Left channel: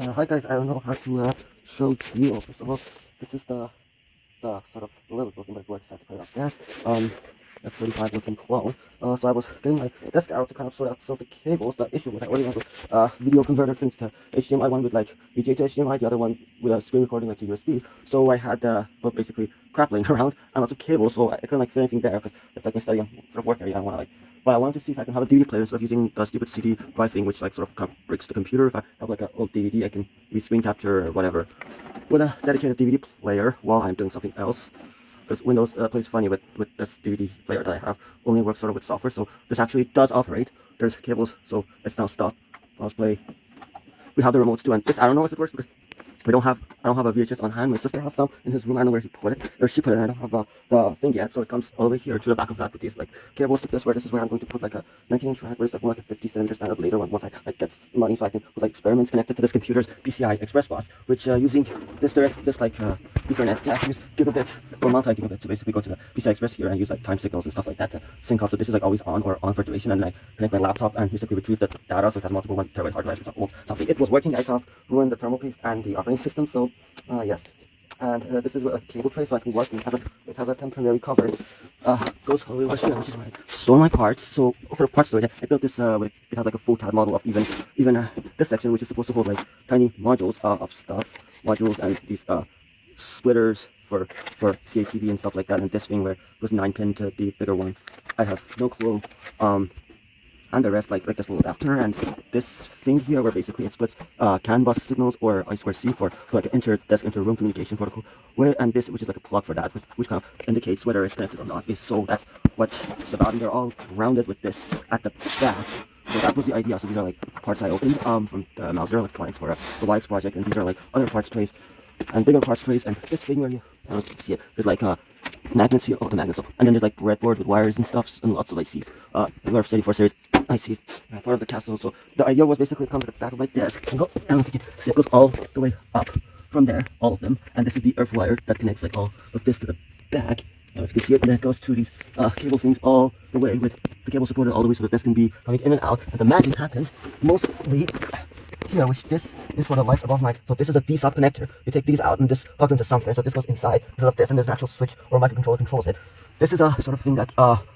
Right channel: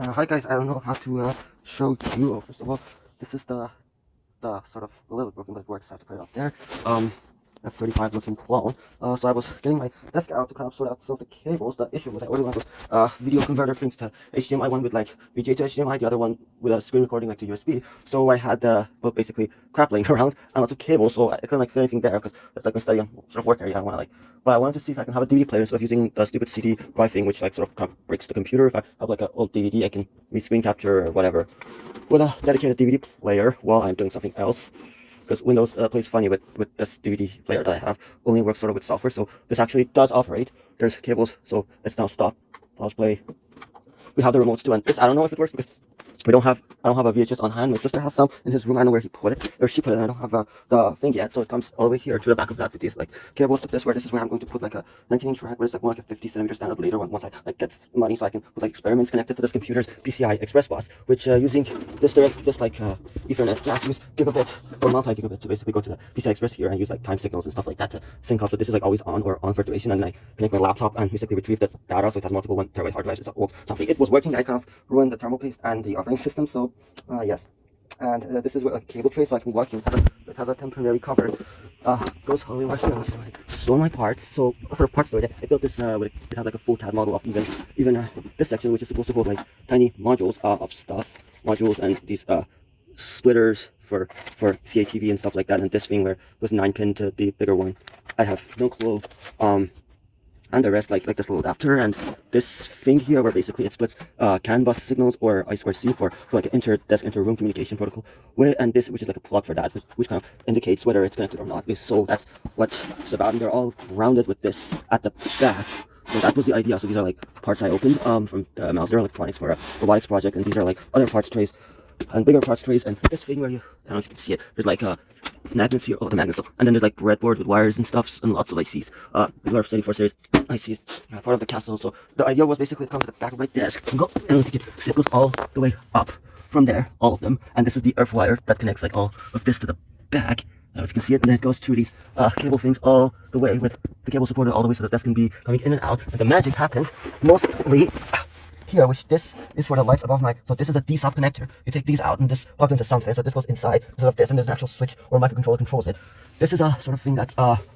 Hi guys, I don't know how to show you. First of all, this is the sort of little button that works. I have to put it up there. F35 looking clone. So I was getting my desk out to kind of sort out some of the cables. The issue was I only have a video converter things to HDMI, one with like VGA to HDMI, the other one with a screen recording like to USB. So I had well, basically crap laying around and lots of cables, so I couldn't like fit anything there because it's like my study and sort of work area. I want to like, but I wanted to see if I can have a DVD player. So I'm using the stupid CD drive thing, which like sort of breaks the computer. If I have like an old DVD, I can screen capture or whatever with a dedicated DVD player while I'm doing something else. Because Windows plays funny with this DVD player that I have, only works sort of with software, so this actually does operate. There's cables, so it's now stopped. I'll play. We have the remotes too, and this I don't know if it works because I don't have a VHS on hand. My sister has some in his room. I don't know where he put it, or she put it. I don't have the thing yet, so it comes all the way here to the back of that with these like cables to this. This is where I'm going to put like a 19-inch rack, but it's like more like a 50 cm standard later once I like get money, so I can put like experiments connected to this computer's PCI Express bus, which using this like Ethernet jack, use gigabit or multi-gigabit. So basically go to the PCI Express here and use like time signals and stuff like that to sync up. So this is like always on or on for duration, and then I connect my laptop and basically retrieve the data. So it has multiple 1 TB hard drives. It's old something. It was working. I kind of ruined the thermal paste and the operating system. So yes. And this is where a cable tray, so I can work and it has a temporary cover. Goes all the way over here, which is where I store my parts. So what of parts do I built this with it has like a full tab model of even this section, which is supposed to hold like tiny modules of stuff, modules and these splitters for CATV and stuff like that. And this thing where it goes 9-pin to the bigger one. I have no clue. And the rest like this little adapter and this thing here where basically it splits CAN bus signals or I2C for like an inter-desk inter-room communication protocol way, and this which is like a plug for that, which kind of indicates whether it's connected or not. So that's what it's about, and they're all rounded with this at the back. So that was the idea. So these are like parts I opened from the Mouser Electronics for a robotics project, and these are like other parts trays and bigger parts trays, and this thing where I don't know if you can see it, there's like magnets here, the magnets, and then there's like breadboard with wires and stuff, and lots of ICs. The LR74 series ICs, part of the castle. So the idea was basically it comes at the back of my desk, and I don't know if you can see, it goes all the way up from there, all of them, and this is the earth wire that connects like all of this to the back. If you can see it, and it goes through these cable things all the way with the cable supported all the way so that this can be coming in and out, and the magic happens mostly here, which this is for the lights above my, so this is a D-sub connector. You take these out and this plugs into something, so this goes inside instead of this, and there's an actual switch or microcontroller controls it. This is a sort of thing that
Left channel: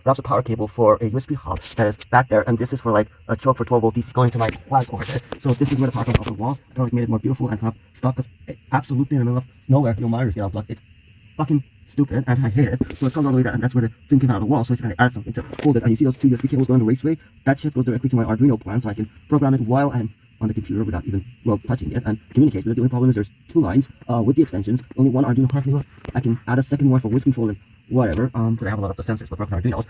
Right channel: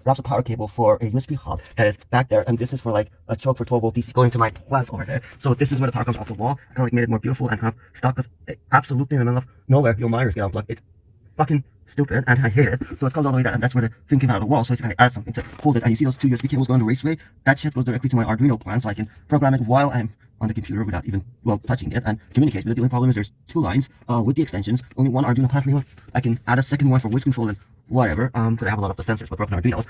wraps a power cable for a USB hub that is back there, and this is for like a choke for 12-volt DC going to my plants over there. So this is where the power comes off the wall. Kind of like made it more beautiful and kind of stuck, because absolutely in the middle of nowhere, your wires get unplugged. It's fucking stupid, and I hate it. So it comes all the way down, and that's where the thing came out of the wall. So it's gonna add something to hold it. And you see those two USB cables going the raceway? That shit goes directly to my Arduino plan, so I can program it while I'm on the computer without even, well, touching it and communicating it. The only problem is there's two lines with the extensions, only one Arduino class link. I can add a second one for voice control and whatever, because I have a lot of the sensors for broken Arduinos.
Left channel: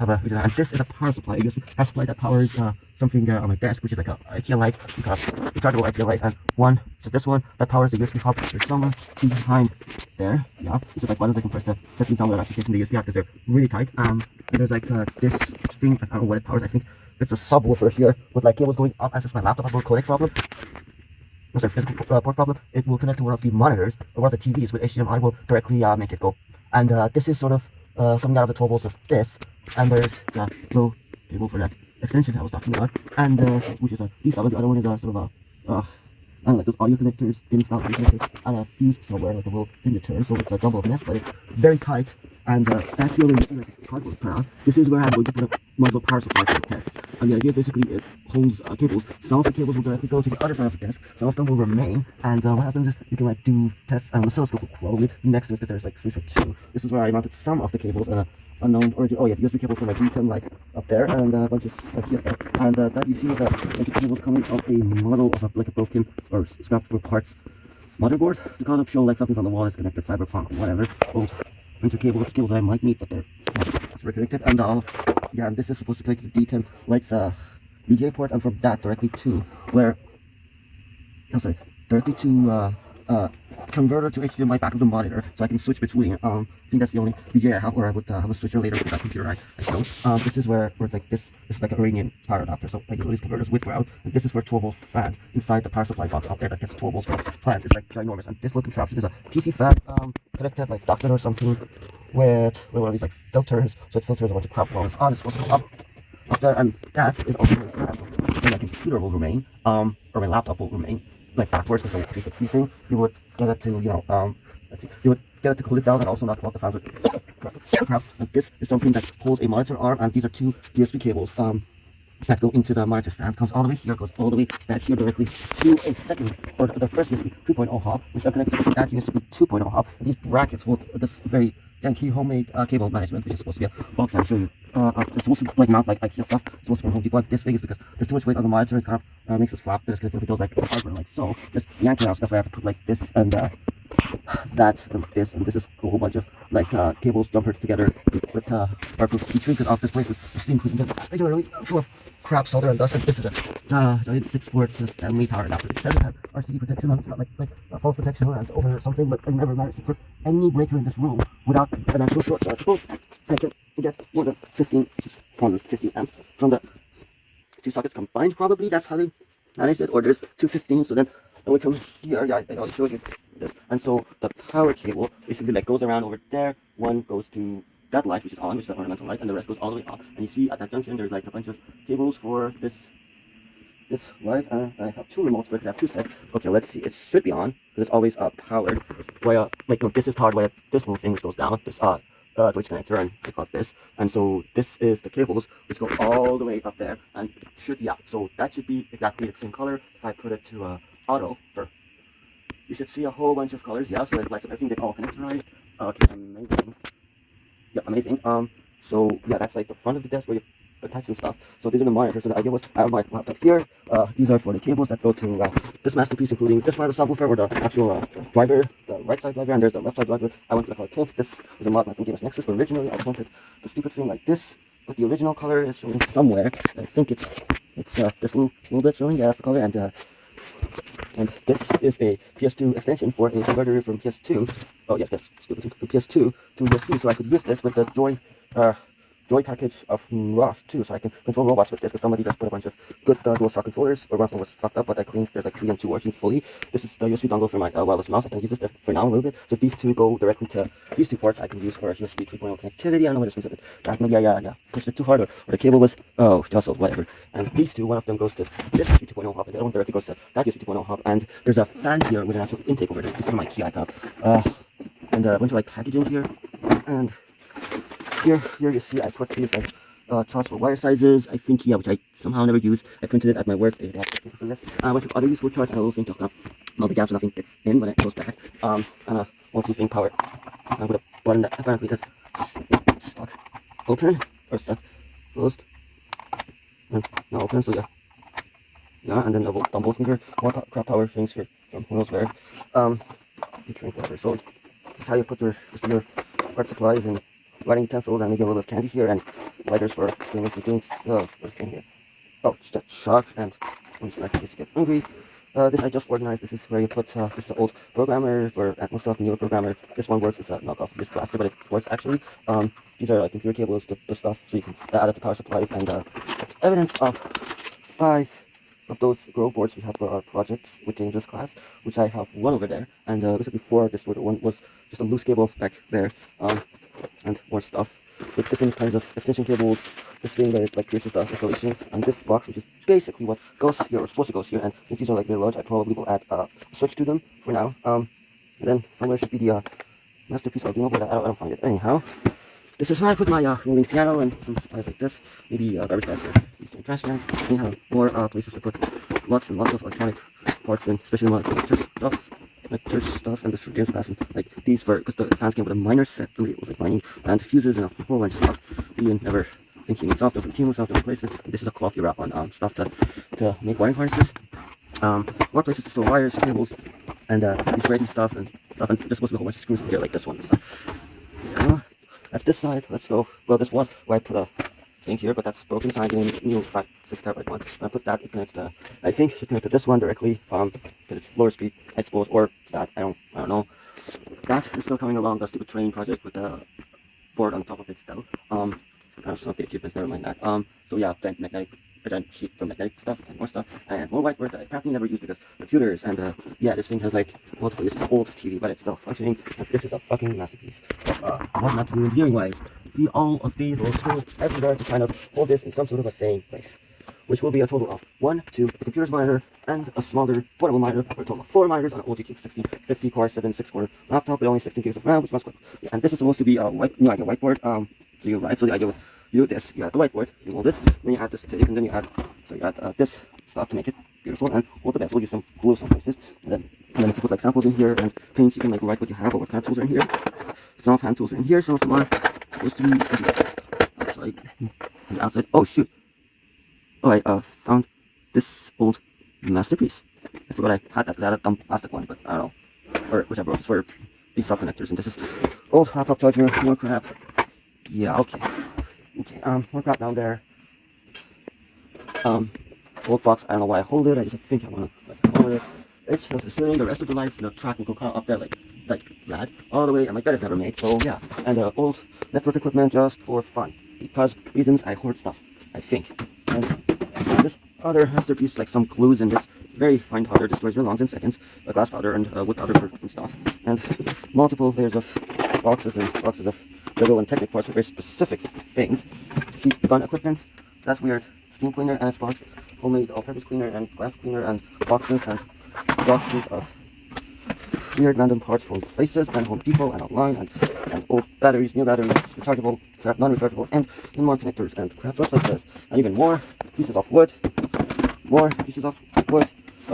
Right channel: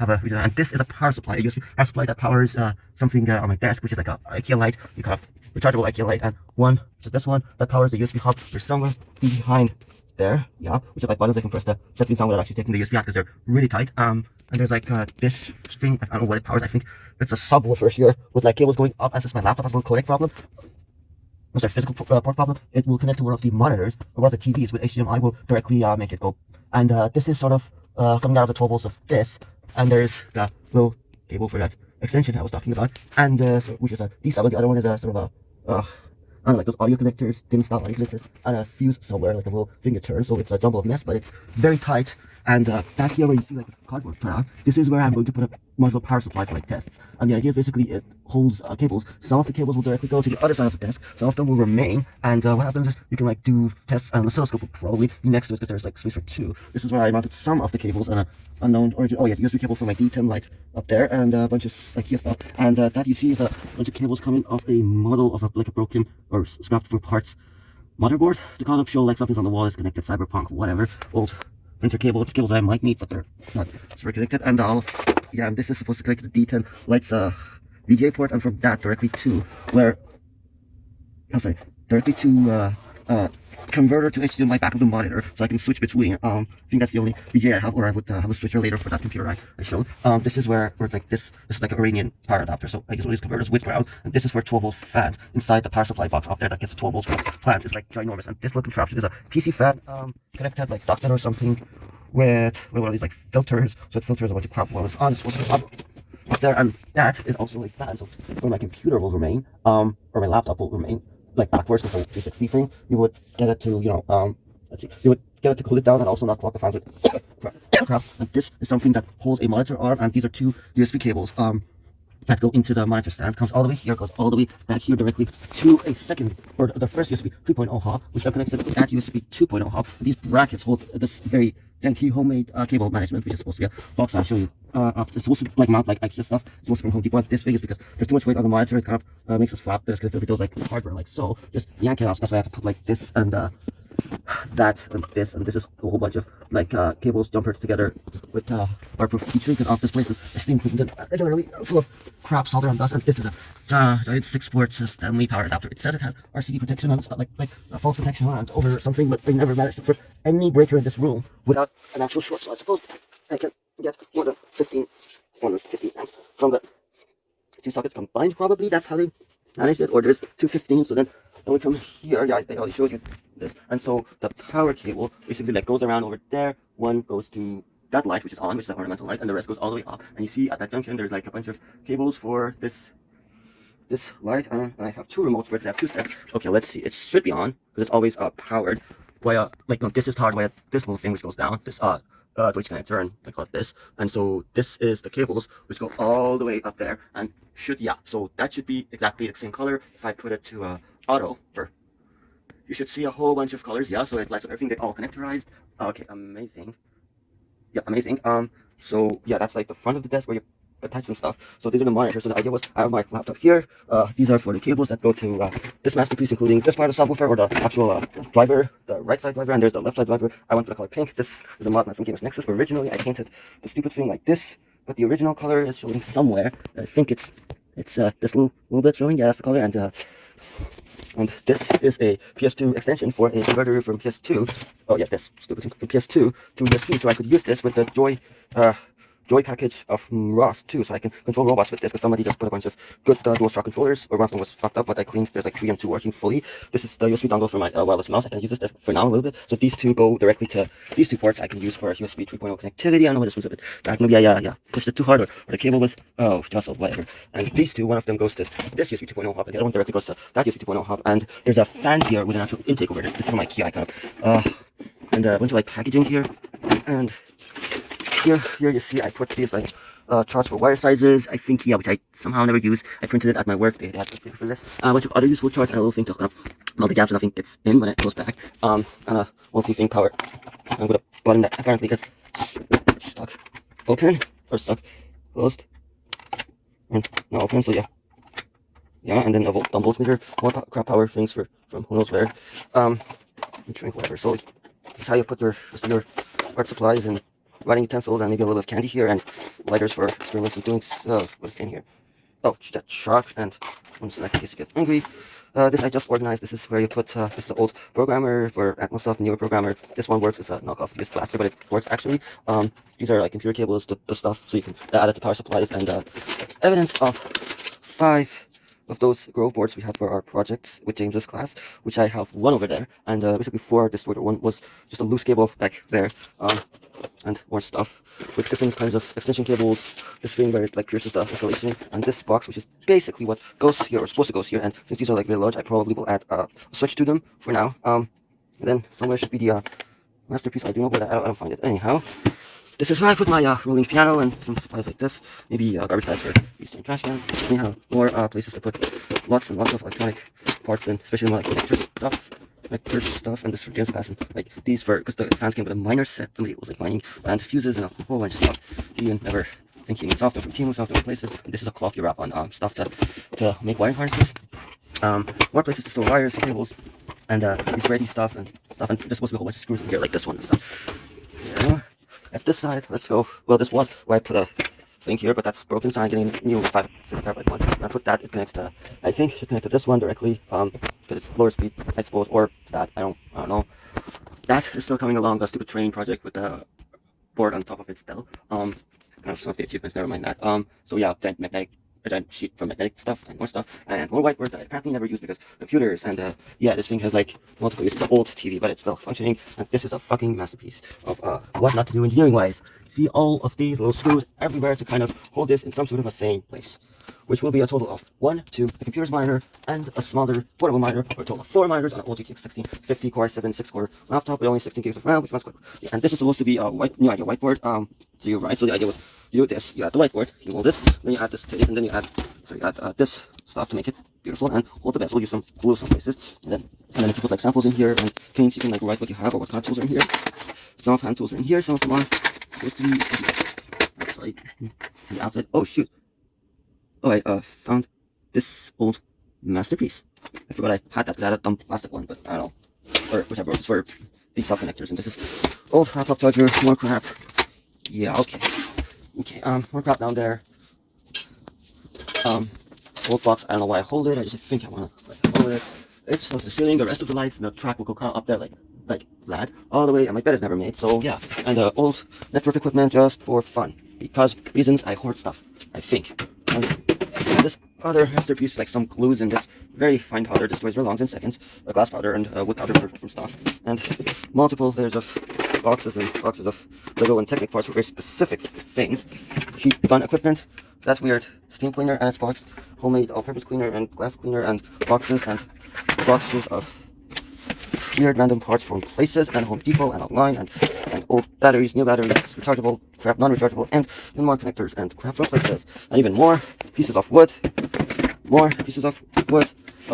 And this is a power supply, a USB power supply that powers something on my desk, which is like a IKEA light, rechargeable IKEA light, and one, so this one, that powers the USB hub. There's somewhere behind there, yeah, which is like buttons I can press the touching sound without actually taking the USB out, because they're really tight. And there's like this thing, I don't know what it powers, I think it's a subwoofer here, with like cables going up, and since my laptop has a little codec problem, was a physical port problem, it will connect to one of the monitors, or one of the TVs with HDMI will directly make it go. And this is sort of coming out of the 12 volts of this, and there's the little cable for that extension I was talking about, and which is a D-sub, and the other one is a sort of a, I don't like those audio connectors, DIN style connectors, and a fuse somewhere, like a little fingerturn, so it's a jumble of mess, but it's very tight. And back here where you see like cardboard turn on, this is where I'm going to put a module power supply for the tests. And the idea is basically it holds cables. Some of the cables will directly go to the other side of the desk, some of them will remain, and what happens is you can like do tests on the oscilloscope will probably be next to it, because there's like space for two. This is where I mounted some of the cables on a unknown origin. Oh yeah, the USB cable for my D10 light up there, and a bunch of like here stuff. And that you see is a bunch of cables coming off a model of like a broken or scrapped through parts motherboard to kind of show like something's on the wall is connected, cyberpunk, whatever, old printer cable, it's cables I might need, but they're not connected. And yeah, and this is supposed to connect to the D10 lights VGA port, and from that directly to where, directly to converter to HDMI back of the monitor, so I can switch between. I think that's the only VGA I have, or I would have a switcher later for that computer I showed. This is where like this is like an Iranian power adapter, so I use one of these converters with ground, and this is for 12-volt fans inside the power supply box up there that gets 12 volts from plants. It's like ginormous, and this little contraption is a PC fan connected like ducted or something with one of these like filters, so it filters a bunch of crap while it's on. It's supposed to come up there, and that is also really fast. So then my computer will remain, or my laptop will remain. like backwards, because like 360 thing, you would get it to, let's see, you would get it to cool it down and also not block the fans with crap. And this is something that holds a monitor arm, and these are two USB cables that go into the monitor stand. Comes all the way here, goes all the way back here directly to a second, or the first USB 2.0 hub, which now connects to that USB 2.0 hub. These brackets hold this very janky homemade cable management, which is supposed to be a box I'll show you. It's supposed to like mount like IKEA stuff. It's supposed to be from Home Depot. This big is because there's too much weight on the monitor. It kind of makes us flap. There's literally those like hardware like so. Just yank it out. That's why I have to put like this and that and this is a whole bunch of like cables jumpered together with waterproof feature, because this place is steam cleaned and regularly full of crap, solder and dust. And this is a giant 6-port Stanley power adapter. It says it has RCD protection and it's not like a false protection and over or something, but I never managed to put any breaker in this room without an actual short. So I suppose I can get more than 15 amps from the two sockets combined. Probably that's how they managed it, or there's 215. So then we come here. Yeah, I already showed you this. And so the power cable basically like goes around over there. One goes to that light, which is on, which is the ornamental light, and the rest goes all the way up. And you see at that junction there's like a bunch of cables for this light, and I have two remotes for it. I have two sets. Okay, let's see. It should be on because it's always powered via like no, this is powered via this little thing which goes down. This Deutsch connector, and I call it this. And so this is the cables which go all the way up there, and so that should be exactly the same color. If I put it to auto, you should see a whole bunch of colors. Yeah, so it lights up everything. They're all connectorized. Okay, amazing. Yeah, amazing. So yeah, that's like the front of the desk where you attach some stuff. So these are the monitors. So the idea was I have my laptop here. These are for the cables that go to this masterpiece, including this part of the subwoofer, or the actual driver, the right side driver, and there's the left side driver. I went for the color pink. This is a mod from Gamers Nexus. Originally, I painted the stupid thing like this, but the original color is showing somewhere. I think it's this little bit showing. Yeah, that's the color. And this is a PS2 extension for a converter from PS2. Oh yeah, this stupid thing, from PS2 to USB. So I could use this with the Joy package from Ross too, so I can control robots with this, because somebody just put a bunch of good DualShock controllers, or one of them was fucked up, but I cleaned. There's like 3 and 2 working fully. This is the USB dongle for my wireless mouse. I can use this for now a little bit. So these two go directly to these two ports I can use for USB 3.0 connectivity. I know this was a bit back. Maybe I pushed it too hard, or the cable was jostled, whatever. And these two, one of them goes to this USB 2.0 hub, and the other one directly goes to that USB 2.0 hub. And there's a fan here with an actual intake over there. This is my key icon. And a bunch of like packaging here, and here you see I put these like charts for wire sizes, I think, yeah, which I somehow never use. I printed it at my work. They had to print for this. A bunch of other useful charts, and a little thing to kind of all the gaps and nothing gets in when it goes back. And a multi-thing power. I'm gonna button that apparently is stuck open, or stuck closed, and not open. So yeah, and then a dumb voltmeter, more crap power things from who knows where. Drink whatever. So this is how you put your art supplies and writing utensils, and maybe a little candy here, and lighters for experiments and doing. So what's in here? Oh, that shock, and one second, in case you get hungry. This I just organized. This is where you put this is the old programmer for Atmos stuff, newer programmer. This one works. It's a knockoff used plaster, but it works actually. These are like computer cables, the stuff, so you can add it to power supplies, and evidence of 5 of those Grove boards we had for our projects with James's class, which I have one over there, and basically 4 this one was just a loose cable back there, and more stuff with different kinds of extension cables, this thing where it like pierces the installation, and this box, which is basically what goes here, or supposed to go here. And since these are like really large, I probably will add a switch to them for now. And then somewhere should be the masterpiece I'll do, but I don't find it. Anyhow, this is where I put my rolling piano and some supplies like this, maybe garbage bags for these transfers. Anyhow, more places to put lots and lots of electronic parts, and especially more like church stuff, and this for James class, and like these for, because the fans came with a minor set, somebody was like mining, and fuses, and a whole bunch of stuff. You never thinking software from team, software places. And this is a cloth you wrap on stuff to make wiring harnesses. More places to store wires, cables, and these ready stuff, and there's supposed to be a whole bunch of screws in here, like this one and stuff. Yeah, that's this side. Let's go. Well, this was where I put a thing here, but that's broken, so I'm getting a new 5-6 terabyte one. I put that, it connects to, I think it should connect to this one directly, because it's lower speed, I suppose, or that, I don't know. That is still coming along, the stupid train project with the board on top of it still. Kind of some of the achievements, never mind that. So yeah, then magnetic, a giant sheet for magnetic stuff, and more stuff, and more whiteboards that I apparently never use because computers, and yeah, this thing has like multiple uses. It's an old TV, but it's still functioning, and this is a fucking masterpiece of what not to do engineering wise. See all of these little screws everywhere to kind of hold this in some sort of a sane place. which will be a total of 1, 2, the computer's monitor, and a smaller portable monitor, for a total of 4 monitors on an old GTX 1650 Core i7 6-core laptop with only 16 gigs of RAM, which runs quick. Yeah, and this is supposed to be a whiteboard. To you, right? So the idea was you do this, you add the whiteboard, you hold it, then you add this tape, and then you add this stuff to make it beautiful, and hold the bezel, use some glue some places, and then if you put like samples in here and paints, you can like write what you have or what kind of tools are in here. Some of hand tools are in here, some of them are supposed to be outside. And outside. Oh shoot! Oh, I found this old masterpiece. I forgot I had that. I had a dumb plastic one, but I don't know, or whichever. It's for these sub connectors, and this is old laptop charger. More crap. Yeah. Okay. Okay. More crap down there. Old box. I don't know why I hold it. I just think I want to hold it. It's to the ceiling. The rest of the lights, the track will go kind of up there like that, all the way. And my bed is never made, so yeah. And old network equipment just for fun, because reasons I hoard stuff. I think. And this other masterpiece, like some glues and this very fine powder, destroys your lungs in seconds. Glass powder and wood powder for different stuff, and multiple layers of boxes and boxes of Lego and Technic parts for very specific things. Heat gun equipment. That's weird. Steam cleaner and its box. Homemade all-purpose cleaner and glass cleaner and boxes of weird random parts from places and Home Depot and online and old batteries, new batteries, rechargeable, non-rechargeable, and more connectors and crap from places, and even more pieces of wood,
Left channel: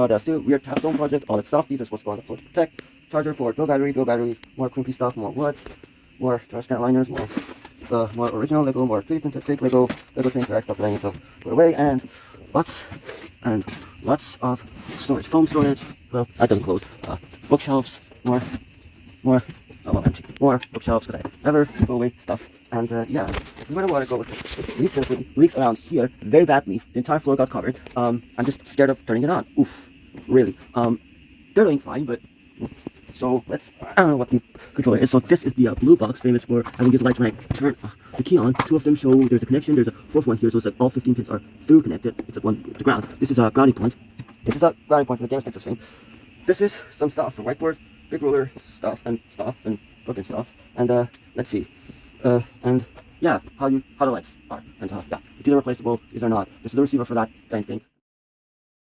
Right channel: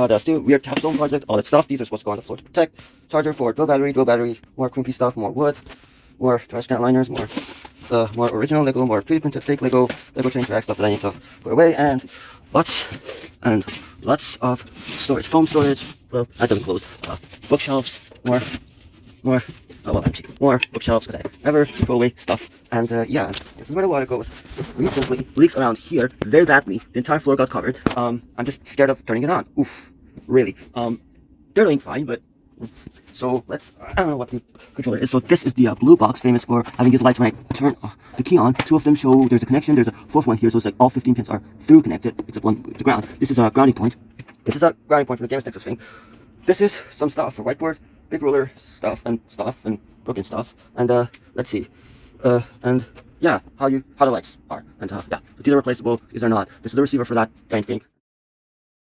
the still weird capstone project, all that stuff. These are supposed to go on the floor to protect. Charger for dual battery, more crumpy stuff, more wood, more trash can liners, more original Lego, more 3D printed fake Lego chain track stuff that I need to put away, and lots of storage, foam storage. Well, that doesn't close. Bookshelves, more bookshelves because I never throw away stuff. And yeah, this is where the water goes. Recently, leaks around here very badly. The entire floor got covered. I'm just scared of turning it on. Oof, really. They're doing fine, but. So I don't know what the controller is. So this is the blue box, famous for having these lights when I turn the key on. 2 of them show there's a connection. There's a 4th one here, so it's like all 15 pins are through connected, except one with the ground. This is a grounding point. This is a grounding point for the Gamers Nexus thing. This is some stuff for whiteboard, big ruler stuff and broken stuff. And let's see. And yeah, how the lights are. And yeah, these are replaceable. These are not. This is the receiver for that kind of thing.